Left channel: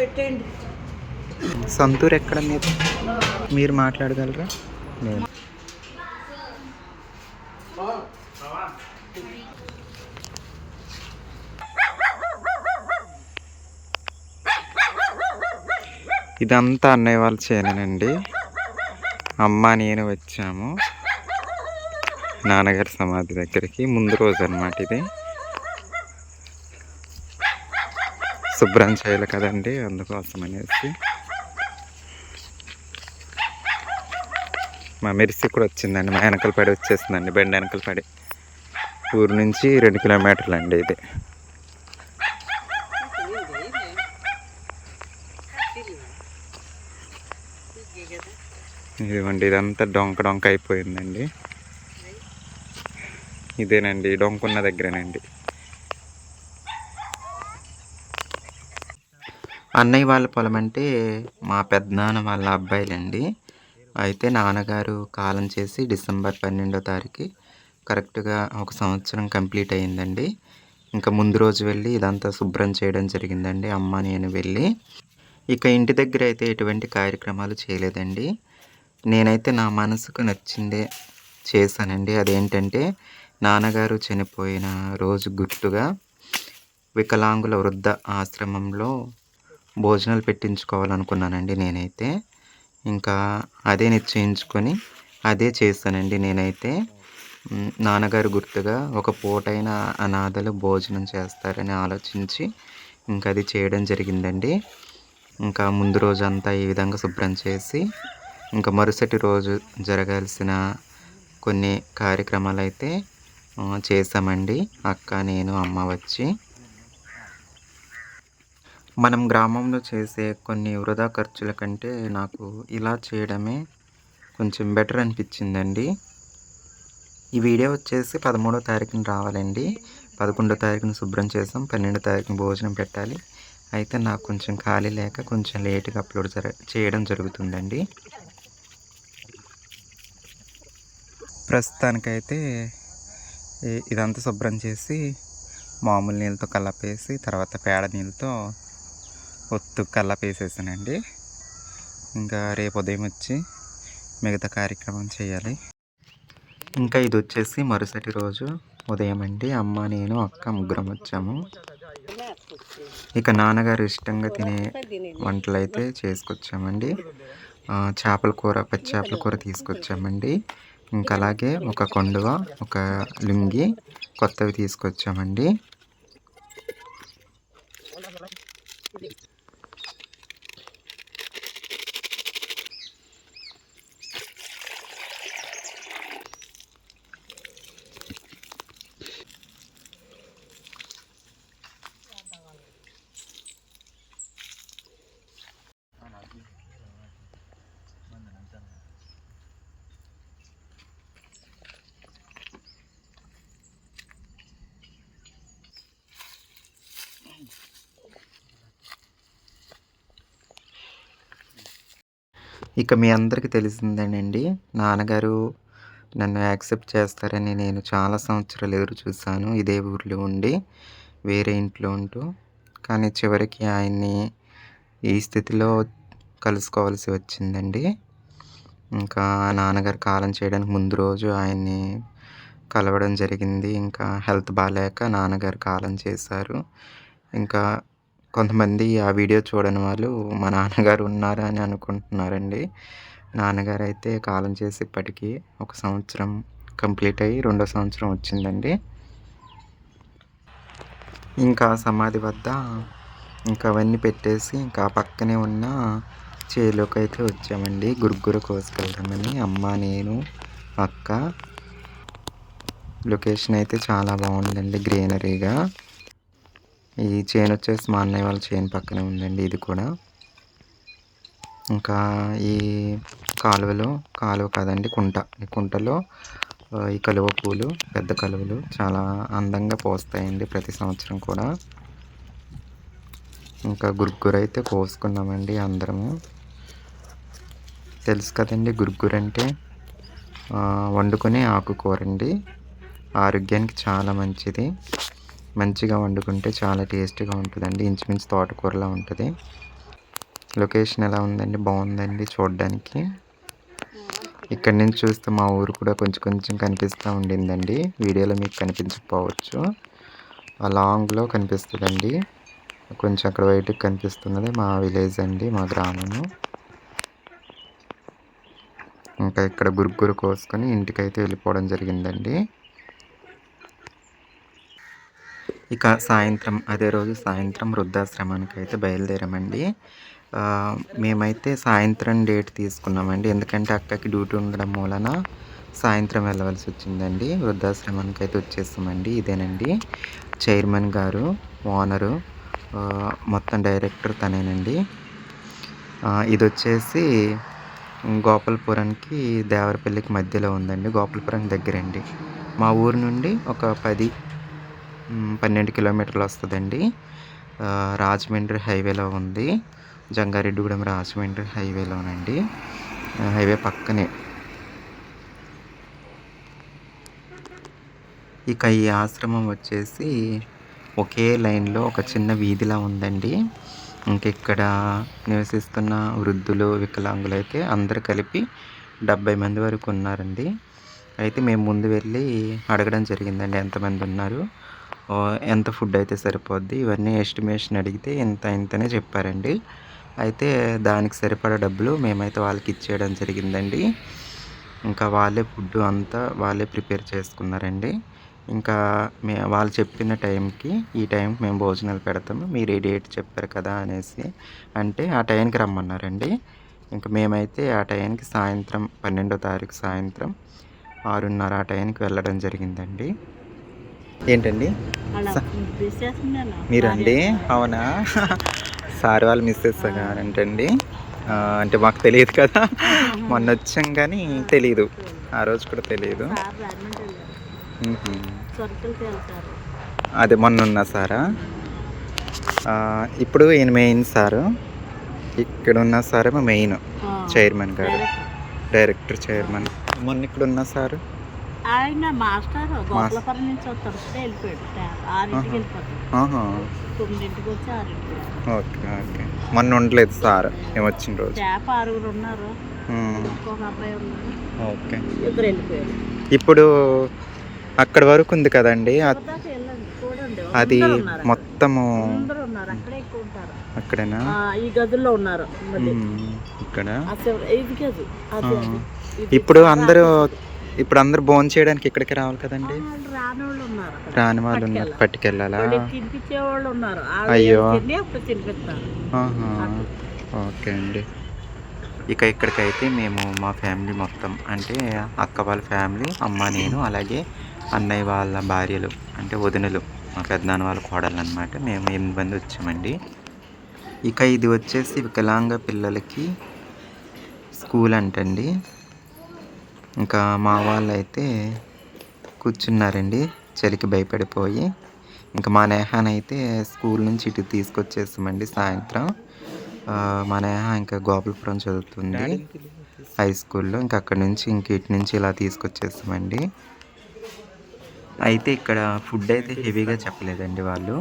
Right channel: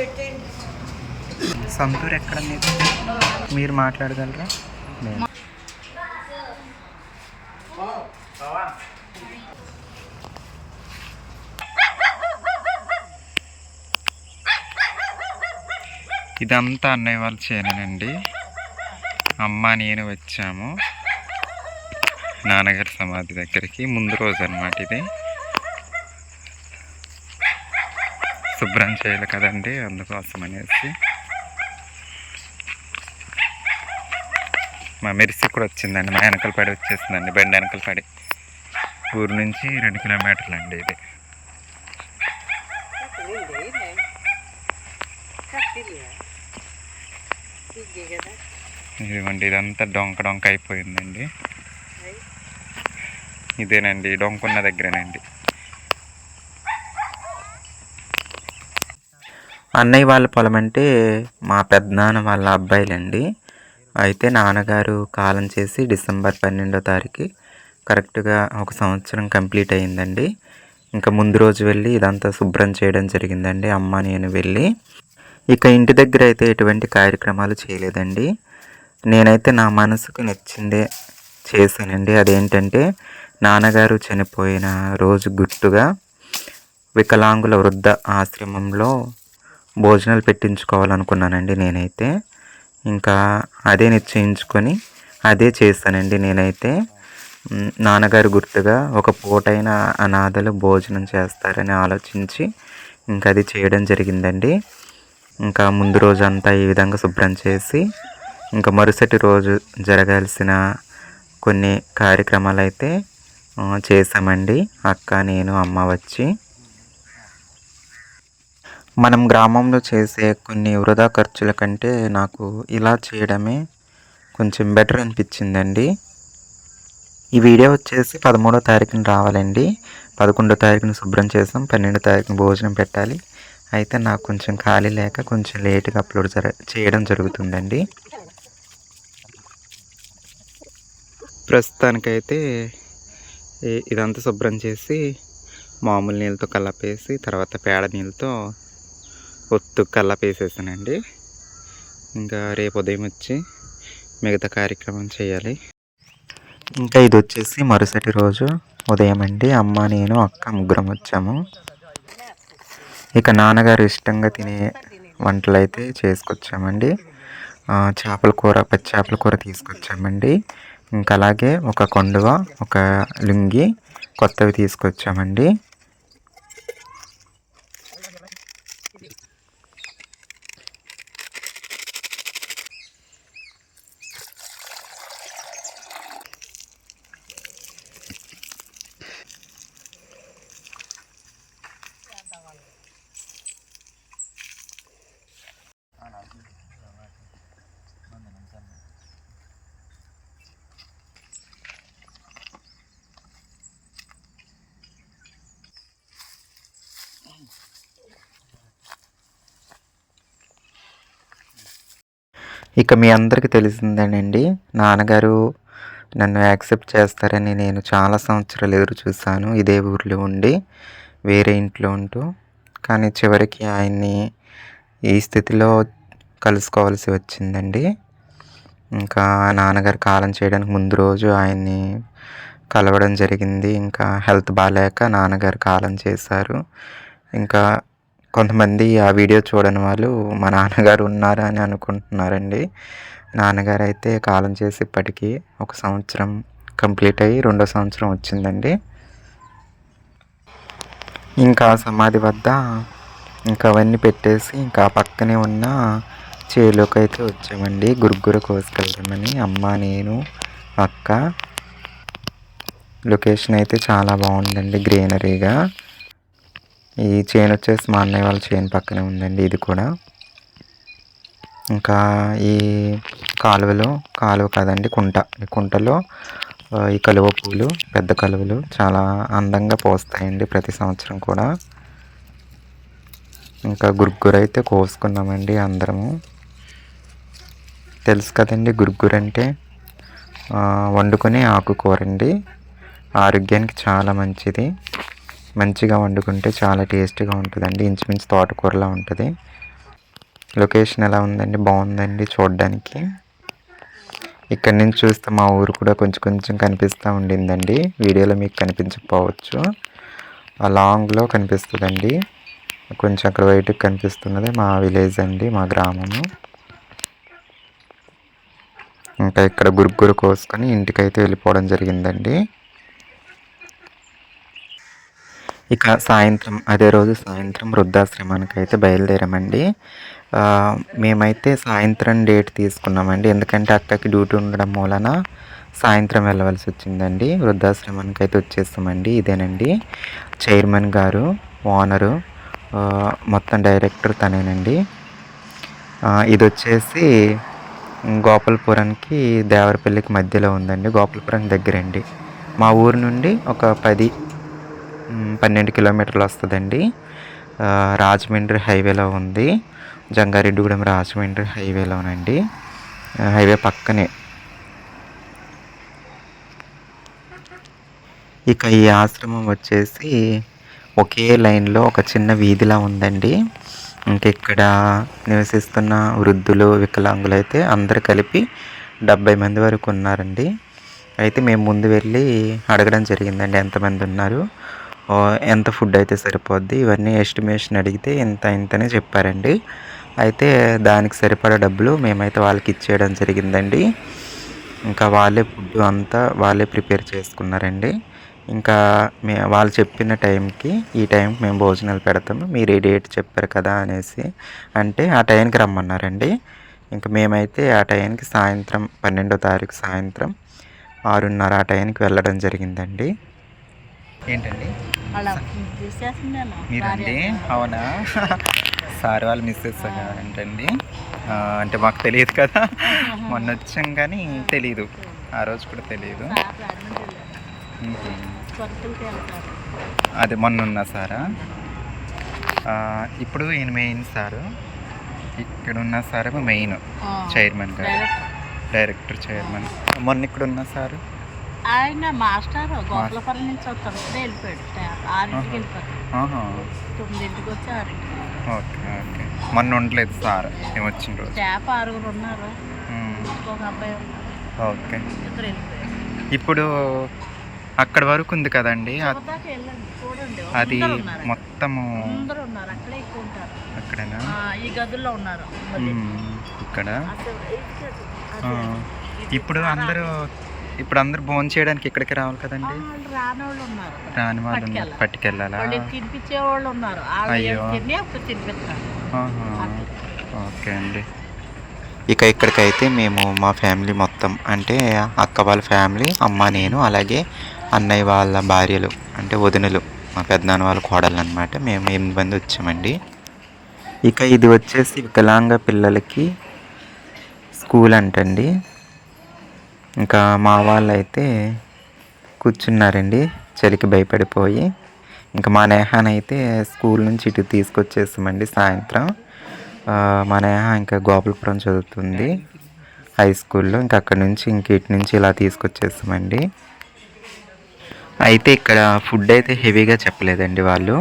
పెట్టండి. సంతూర్ ఎక్కడ మీరు మీరు మాట్లాడగలరా? లేదు ఇదంతా అన్నయ్య వాళ్ళ చేనేనండి. అమ్మ నేను వచ్చాము. నాన్నగారి సమాధి దగ్గరికి. ముందు రోజు అనమాట ఇది. శుభ్రం చేయాలి కదండి అందుకోసం అనేసి. మా మెరిసి కూడా వచ్చిందండి మా వెనకల పడి వచ్చేసిందండి బండి వెనకల పడి. ఊరు నుంచి రెండు కిలోమీటర్లు అండి ఇది. ఇదిగోండి ఇదంతా డొంక డొంక అయిపోయిందండి. ఇదేనండి డొంకున్న దగ్గరేనండి. అన్నయ్య వాళ్ళ పొలం అంటే మా పెద్దనాన్న వాళ్ళ అబ్బాయిలండి. అయితే నాన్నగారు కాలం చేసి డిసెంబర్ పన్నెండో తారీఖు కరెక్ట్గా ఒక సంవత్సరం కంప్లీట్ అయిందండి ఇంకా ముందు రోజు వెళ్ళి ఇదంతా శుభ్రం చేయడం జరిగిందండి. అమ్మ నేను వెళ్ళి ఇక ఇంటి దగ్గర అయితే ఎటువంటి కార్యక్రమాలు చేయలేదండి. నేనైతే నా మనసుకు నచ్చిందే చేశానండి. అదేంటంటే నాన్నగారు చనిపోయిన రోజు గుర్తుగా వికలాంగుల వృద్ధ ఆశ్రమంలో భోజనాలు పెట్టించుకోవాలనుకున్నానండి నేనైతే. ఇంకా అదే నిశ్చయించుకొని అదే చేస్తానండి నేనైతే. నాన్నగారు గుర్తుగా ఒక పూటైన అనాథలు భోజనం చేస్తారని ఆలోచించి ఇంకా అది చేయడం జరిగిందండి. ఇంకా ముందు రోజు అంతా ఈ విధంగా శుభ్రం చేసి ఇంకా మరుసటి రోజు జరగాల్సిన కొన్ని కార్యక్రమాలు అయితే చేసామండి అక్క నేను అమ్మ వచ్చి మనం గ్రామంలో చేసే కొన్ని వృధా ఖర్చుల కంటే నాకు ఇలా చేయడమే కొంచెం బెటర్ అనిపించిందండి. ఈ వీడియో వచ్చేసి పదమూడో తారీఖున రావాలండి. పదకొండో తారీఖున శుభ్రం చేసాం పన్నెండో తారీఖున భోజనం పెట్టాలి. అయితే నాకు కొంచెం ఖాళీ లేక కొంచెం లేట్గా అప్లోడ్ జర చేయడం జరుగుతుందండి. ప్రస్తుతానికైతే ఇదంతా శుభ్రం చేసి మామూలు నీళ్ళతో కలపేసి తర్వాత పేడ నీళ్ళతో ఒత్తు కల్లపేసేసానండి ఇంకా రేపు ఉదయం వచ్చి మిగతా కార్యక్రమం చేయాలి. ఇంకా ఇది వచ్చేసి మరుసటి రోజు ఉదయం అండి. అమ్మ నేను అక్క ముగ్గురం వచ్చాము. ఇక నాన్నగారు ఇష్టంగా తినే వంటలు అయితే చేసుకొచ్చామండి చేపల కూర పచ్చి చేపల కూర తీసుకొచ్చామండి. ఇంకా అలాగే ఒక కొండువ ఒక లుంగి కొత్తవి తీసుకొచ్చామండి. ఇక మీ అందరికీ తెలిసిందేనండి నాన్నగారు నన్ను యాక్సెప్ట్ చేస్తారని నేను చాలా సంవత్సరాలు ఎదురు చూశాను. ఇదే ఊర్లో ఉండి వేరే ఇంట్లో ఉంటూ. కానీ చివరికి ఆయన్ని ఈ స్థితిలో కలుసుకోవాల్సి వచ్చిందండి. ఇంకా నాన్నగారు కాలం చేయడానికి ముందు రోజు ఆయన్ని కలవడం జరిగింది. ఇంకా హెల్త్ బాగాలేక నాన్నగారు కాలం చేశారు. ఇంకా కొంతమంది ఆ వీడియో చూడని వాళ్ళు మా నాన్నగారు ఉన్నారా అని అనుకుంటున్నారండి. నాన్నగారు అయితే కాలం చేసి ఇప్పటికీ ఒక సంవత్సరం కంప్లీట్ అయ్యి రెండో సంవత్సరం వచ్చిందండి. ఇంకా సమాధి వద్ద ఇంకా అవన్నీ పెట్టేసి ఇంకా పక్కనే ఉన్న చేలోకి అయితే వచ్చామండి. గురుగుర కోసుకెళ్దామని అమ్మ నేను అక్క. లొకేషన్ అయితే చాలా బాగుందండి గ్రీనరీగా. ఈ చైన్ వచ్చేసి మా అన్నయ్య వాళ్ళ చైన్ పక్కనే ఉందండి ఇది కూడా. ఇంకా ఈ కాలువలో కాలువ కాదండి కుంట. ఈ కుంటలో ఈ కలువ పూలు పెద్ద కలువలు చాలా అందంగా పోస్తాయండి ప్రతి సంవత్సరం కూడా. ఇంకా గురుగురు అయితే కోసుకున్నామండి అందరము. తెలుసు కదండి గురుగురు అంటే వండుకునే ఆకుకూర అండి ఆరోగ్యానికి చాలా మంచిది. మంచిగా వండుకుంటే చాలా టేస్టీగా ఉంటుందండి. ఇంచుమించు తోటకూరలా ఉంటుంది. లొకేషన్ ఎలా ఉందండి? బాగుందండి చూడడానికి. ఇక్కడ నుంచి చూస్తే మా ఊరు కూడా కొంచెం కొంచెం కనిపిస్తూ ఉండిందండి. వీడియోలో మీకు కనిపించకపోవచ్చు. ఆ లాంగ్లో కనిపిస్తుందండి. కొంచెం అక్కడ బయటకు కనిపిస్తున్నది మా విలేజ్ అండి మా గ్రామము. ఇంకా ఇక్కడ గురుగురు కోసుకొని ఇంటికైతే వెళ్ళిపోవడం జరిగిందండి. ఇక సాయంత్రం అదే రోజు సాయంత్రం వృద్ధాశ్రమానికి అయితే బయలుదేరామండి మేమైతే సాయంత్రం డేట్ తీసుకున్నామండి. ఎందుకంటే అక్కకి డ్యూటీ ఉండడం మూలన సాయంత్రం వెళ్ళవలసి వచ్చిందండి. వృద్ధాశ్రమానికి అయితే వచ్చేస్తామండి. ఇదేనండి. చైర్మన్ గారు ఓనరు మొత్తం డైరెక్టర్ తనేనండి. ఇది వచ్చేసి గోపాలపురానికి దేవరపల్లికి మధ్యలో ఉందండి. గోపాలపురం దగ్గరండి. మా ఊరు నుండి ఒక పది పన్నెండు కిలోమీటర్లు వస్తుందండి. రాజమండ్రి హైవేలో ఉంది. జంగారెడ్డిగూడెం రాజమండ్రి హైవేలోనండి. హైవే పక్కనే. ఇక ఈ ఆశ్రమం వచ్చేసి ఒకే లైన్లో ఒక చిన్న వీధిలా ఉందండి. ఇంకా ఇక్కడ నివసిస్తున్న వృద్ధులు వికలాంగులు అయితే అందరు కలిపి డెబ్బై మంది వరకు ఉన్నారండి. అయితే మేము ముందు వెళ్ళి అడగడం జరిగిందండి ఎంతమంది ఉన్నారు. ఎంత ఫుడ్ అయితే సరిపోద్ది ఇవన్నీ ఎస్టిమేషన్ అడిగితే ఇంత ఇంతనే చెప్పారండి. అయితే దానికి సరిపడా డబ్బులు మేమైతే వాళ్ళకి ఇచ్చేయడం జరిగిందండి. ఇంకా వాళ్ళే ఫుడ్ అంతా వాళ్ళే ప్రిపేర్ చేసుకున్నారండి. ఇంకా మే వాళ్ళు చెప్పిన టైంకి ఈ టైంకి మేము భోజనాలు పెడతాము మీరు ఈ డేట్ చెప్పారు కదా అనేసి. అంటే ఆ టైంకి రమ్మన్నారండి. ఇంకా మేమైతే ఆ టైంకి సాయంత్రం పన్నెండో తారీఖు సాయంత్రం ఆరున్నర ఆ టైంకి వెళ్ళడం జరిగిందండి. ఏంటండి? మీరండి? అవునా? సార్ వాళ్ళు మిస్సెస్ ఏంటండి ఆ, అంటే మాకు తెలియదు కదా. మొన్న వచ్చాం కానీ తెలియదు ఆ రోజు కూడా తెలియదు అదే మొన్న ఉన్న సారా ఇప్పుడు ఈయన మెయిన్ సారు. ఇక్కడ ఉన్న సారేమో మెయిన్ చైర్మన్ గారు. డైరెక్టర్. చైర్మన్. మొన్న ఇక్కడ ఉన్న సారు? ఆయన మాస్టర్ గోపాలపురం నుంచి ఇప్పుడే వెళ్ళిపోయాడు. స్టాఫ్ ఆరింటికి వెళ్ళిపోతాడు. తొమ్మిదింటికి వచ్చి ఆరింటికి ఓకే ఓకే. మొన్న ఉండలేదు సార్. మేము వచ్చిన రోజు. స్టాఫ్ ఆరుగురు ఉన్నారు. ఇంకొక అబ్బాయి ఉన్నాడు. ఓకే. ఇద్దరు వెళ్ళిపోయారు. ఇప్పుడు అక్కడ వరకు ఉంది కదండి. అది. మొత్తము అందరూ ఉన్నారు. అక్కడే ఎక్కువ ఉంటారు. అక్కడనా? ఈ గదుల్లో ఉన్నారు. ఇక్కడ? ఇప్పుడు అందరూ ఇప్పుడు అందరూ భోజనం చేయడానికి ఇక్కడికి రావాలి కదండి. వాళ్ళు ఉన్నారు. రాని వాళ్ళు ఉన్నారు. పట్టుకెళ్ళాలి. తినిపించే వాళ్ళు ఉన్నారు. అయ్యో. ఓకే అండి. ఇక ఇక్కడికైతే మేము మా ఫ్యామిలీ మొత్తం అంటే అక్క వాళ్ళ ఫ్యామిలీ అమ్మ నేను అలాగే అన్నయ్య వాళ్ళ భార్యలు అంటే వదినలు మా పెద్దనాన్న వాళ్ళ కోడలు అనమాట మేము ఎనిమిది మంది వచ్చామండి. ఇక ఇది వచ్చేసి వికలాంగ పిల్లలకి స్కూల్ అంటండి. ఇంకా మా వాళ్ళు అయితే కూర్చున్నారండి. చలికి భయపడిపోయి. ఇంకా మా నేహాన్ అయితే స్కూల్ నుంచి ఇటు తీసుకొచ్చేస్తామండి సాయంత్రం. మా నేహ ఇంకా గోపాలపురం చదువుతుంది హై స్కూల్లో. ఇంకా అక్కడి నుంచి ఇంక ఇటు నుంచి ఇలా తీసుకొచ్చేస్తామండి అయితే ఇక్కడ ఫుడ్ అయితే హెవీగా చెప్పలేదండి వాళ్ళు.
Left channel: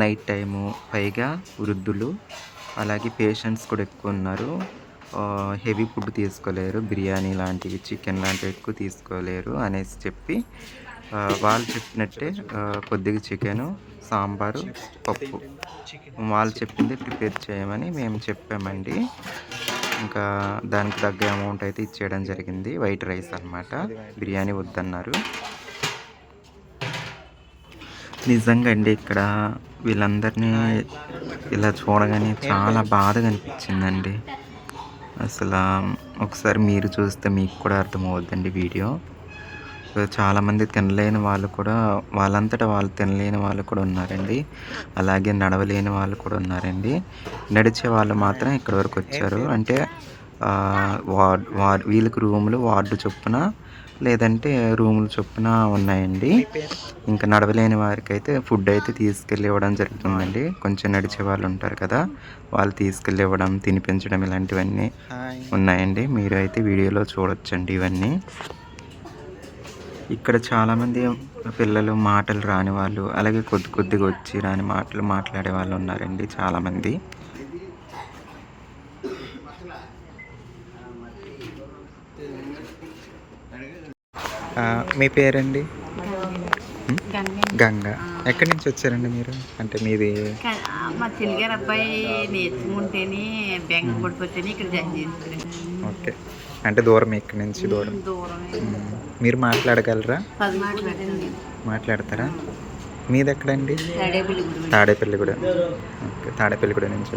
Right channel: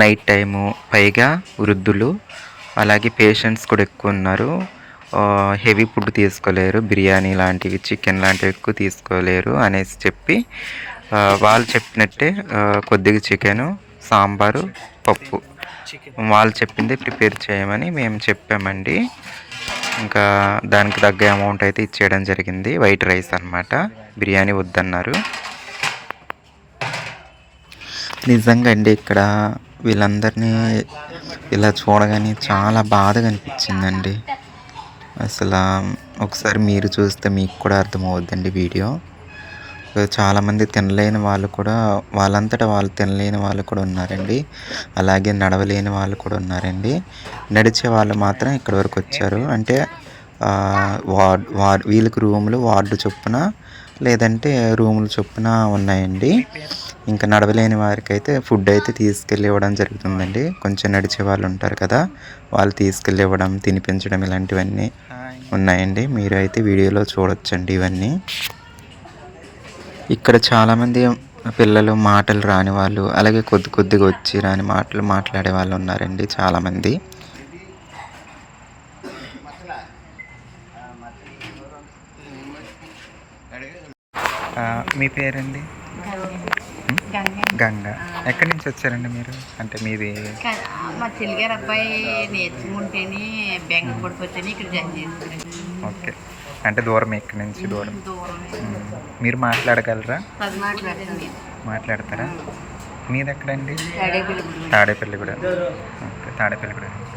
నైట్ టైము పైగా వృద్ధులు అలాగే పేషెంట్స్ కూడా ఎక్కువ ఉన్నారు. హెవీ ఫుడ్ తీసుకోలేరు. బిర్యానీ లాంటివి చికెన్ లాంటివి ఎక్కువ తీసుకోలేరు అనేసి చెప్పి వాళ్ళు చెప్పినట్టే కొద్దిగా చికెను సాంబారు పప్పు వాళ్ళు చెప్పింది ప్రిపేర్ చేయమని మేము చెప్పామండి. ఇంకా దానికి తగ్గ అమౌంట్ అయితే ఇచ్చేయడం జరిగింది. వైట్ రైస్ అన్నమాట. బిర్యానీ వద్దన్నారు. నిజంగా అండి ఇక్కడ వీళ్ళందరినీ ఇలా చూడగానే చాలా బాధగా అనిపించిందండి. అసలు ఒకసారి మీరు చూస్తే మీకు కూడా అర్థమవుద్దండి వీడియో. చాలామంది తినలేని వాళ్ళు కూడా వాళ్ళంతటా వాళ్ళు తినలేని వాళ్ళు కూడా ఉన్నారండి. అలాగే నడవలేని వాళ్ళు కూడా ఉన్నారండి. నడిచే వాళ్ళు మాత్రం ఇక్కడ వరకు వచ్చారు. అంటే వార్డ్ వార్డ్ వీళ్ళకి రూములు వార్డు చొప్పున లేదంటే రూములు చొప్పున ఉన్నాయండి. ఇంకా నడవలేని వారికి అయితే ఫుడ్ అయితే తీసుకెళ్ళి ఇవ్వడం జరుగుతుందండి. కొంచెం నడిచే వాళ్ళు ఉంటారు కదా వాళ్ళు తీసుకెళ్ళి ఇవ్వడం తినిపించడం ఇలాంటివన్నీ ఉన్నాయండి. మీరు అయితే వీడియోలో చూడొచ్చండి ఇవన్నీ. ఇక్కడ చాలామంది పిల్లలు మాటలు రాని వాళ్ళు అలాగే కొద్ది కొద్దిగా వచ్చి రాని మాటలు మాట్లాడే వాళ్ళు ఉన్నారండి చాలామంది. మీ పేరండి? గంగ. ఎక్కడి నుంచి వచ్చారండి మీరు? అంటే మీది మా చెల్లిగారు అబ్బాయి నేర్చుకుంటేనే పడిపోతేనే ఇక్కడ జాయిన్ ఓకే. అంటే దూరం ఎక్కడి నుంచి దూరం. దూరం. మీరు మాట్లాడగలరా? మాట్లాడతారా? మీది ఎక్కడండి? తడేపల్లి గుడి తాడేపల్లి కూడా ఓకే తాడేపల్లి కూడా నుంచి.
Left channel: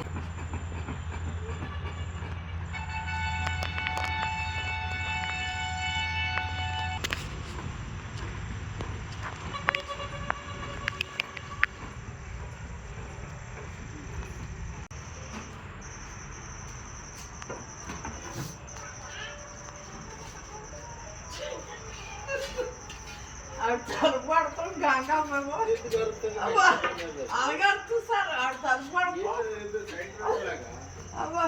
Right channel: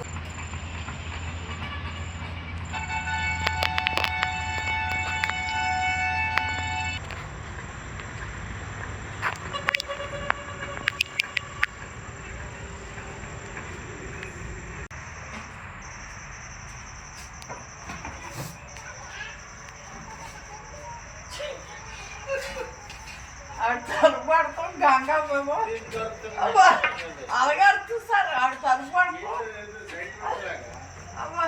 అలాగే సార్ ఆడు తరుపు అమ్మా.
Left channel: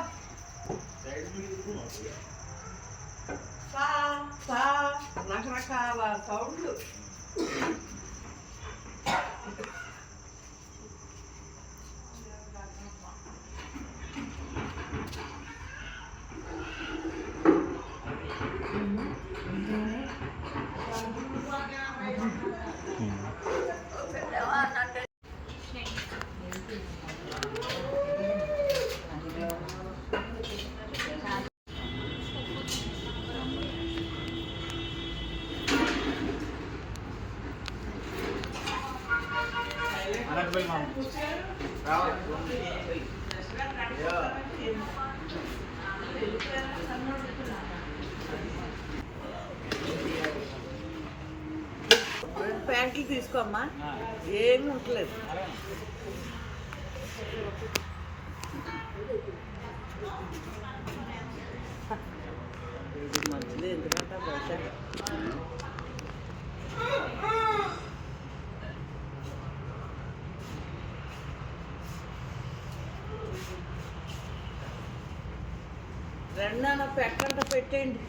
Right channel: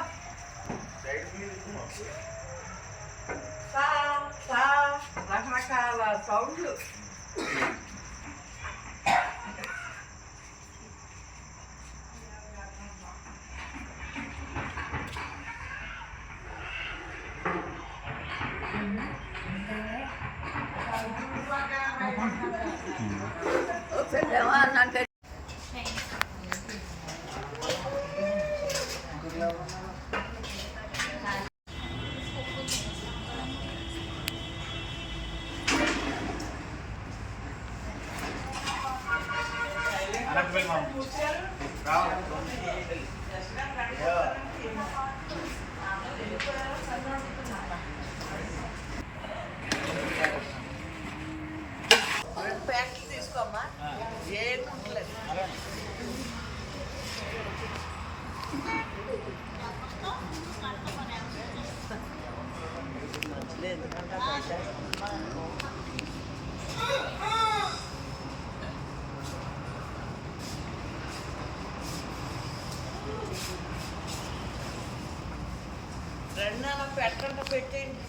రకరకాల సౌండ్లు. రెండు పెట్టంట పెట్టేయండి.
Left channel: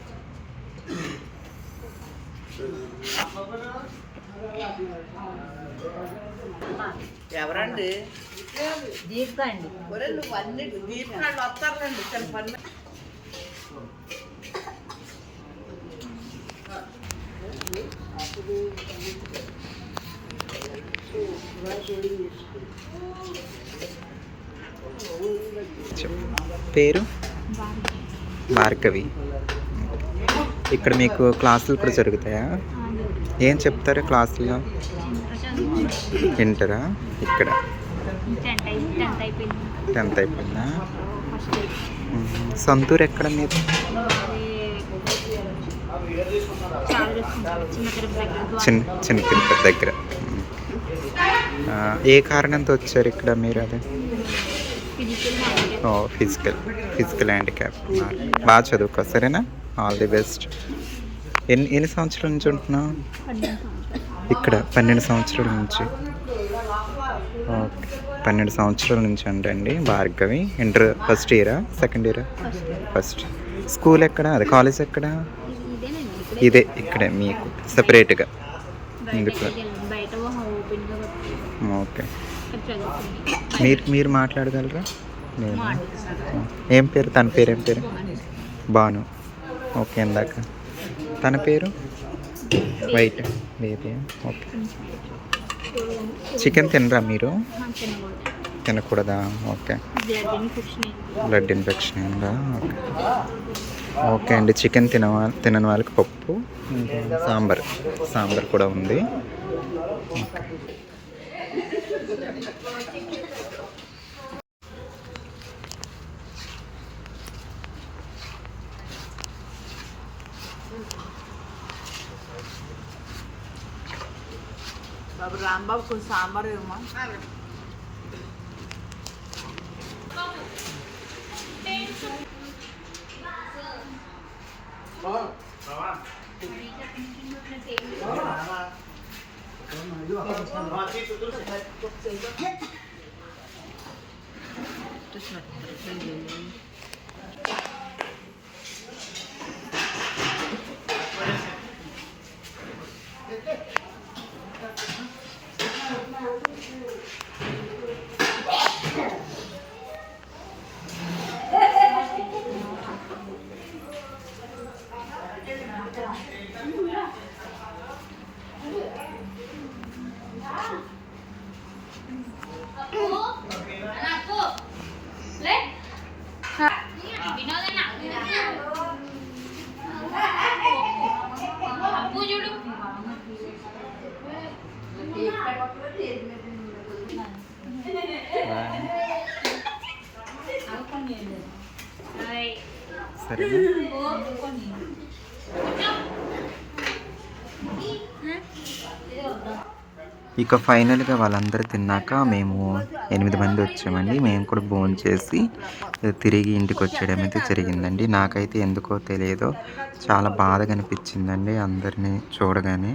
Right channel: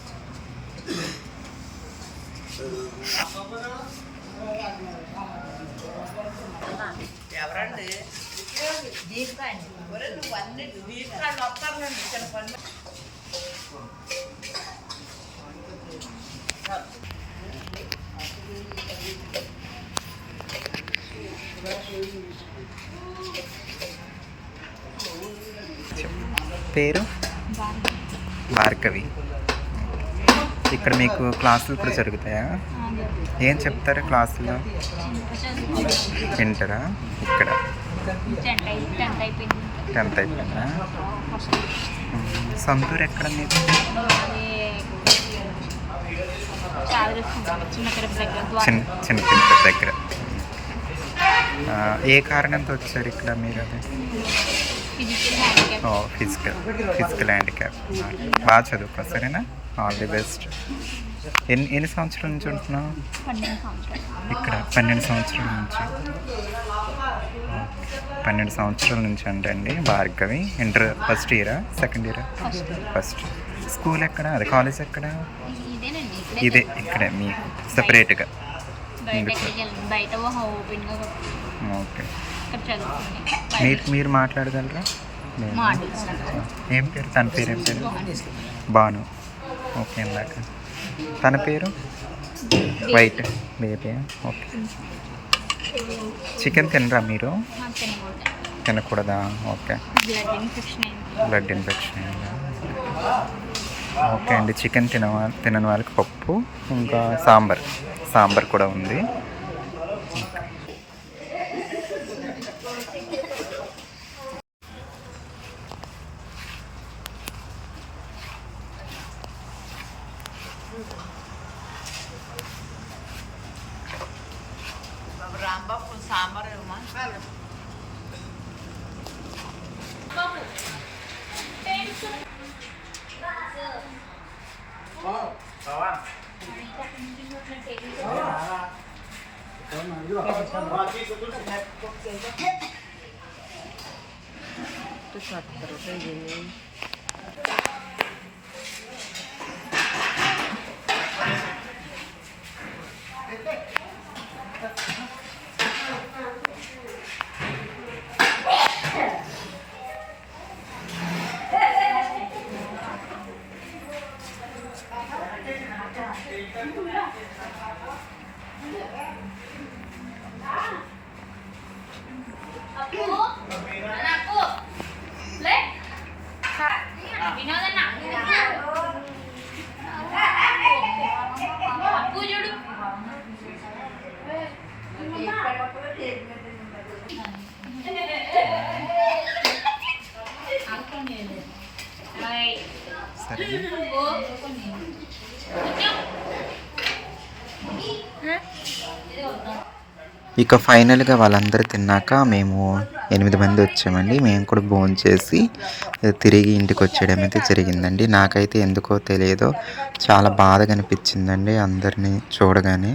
ఎవరండి దీపిక అండి నువ్వు అన్ని దీపిక వస్తారులేండి ఇక్కడ పని చెప్పు. పేరు? భార్గవి. ఇక్కడ మీకు క్లాసులు కూడా జరుగుతాయా. ఏం చెప్తారు క్లాసుల్లో? వింటారా ఇక్కడ. టెన్త్ అయిపోయింది. మ్మ్. సొంతూరు ఎక్కడ మీరు చిన్న చిన్న తిరుపతి దగ్గర ఏ కారణంతో వచ్చారు ఇక్కడ మీరు అదే? ఓ ఫిజికల్ ఫిజికల్ హ్యాండిక్యాప్ బాగా చదువుకో సరేనా? ఆల్ ది బెస్ట్ ఎన్ని ఎన్ని సంవత్సరాల నుంచి ఉంటున్నావు? సంవత్సరాలు. ఇక్కడ పన్నెండు సంవత్సరాల నుంచి. పన్నెండు సంవత్సరాల నుంచి అంటండి భార్గవి. ఇంటర్ ఫస్ట్ ఇయరా? సెకండ్ ఇయరా? ఫస్ట్ స్కూల్ ఎక్కడ? అదే కాలేజ్ ఎక్కడ? ఇదే ఇక్కడే మీకు. సపరేట్గా ఓకే. మీరు మీరు మాట్లాడగలరా? ఏం పేరు? తన పేరు ఏం పేరు బాను. ఓకే ఇందాక. తన పేరు? వైట్. Baby okay. చికెన్ తినరా మీరు? తినకూడదు. ఓకే. బ్లడ్ ఇన్ఫెక్షన్ అయింది. బ్లడ్ ఇన్ఫెక్షన్ అయిందా? ఓకే అండి. చికెన్ తిన తినని వాళ్ళకి పప్పు ఇంకా సాంబార్. సాంబార్ కూడా ఉంది. 好，十万。哦。没事，没事。సరేనా? ఇక ఫైనల్గా వాళ్ళందరూ తిన్నాక మేము ఎనిమిది మంది వచ్చామండి. మేము కూడా భోజనం చేసి తిరిగి ఇంటికి వచ్చేయడం అయితే జరిగిందండి. నాకైతే ఎందుకో తెలియదో చాలా బాధగా అనిపించిందండి అందరినీ చూడగానే.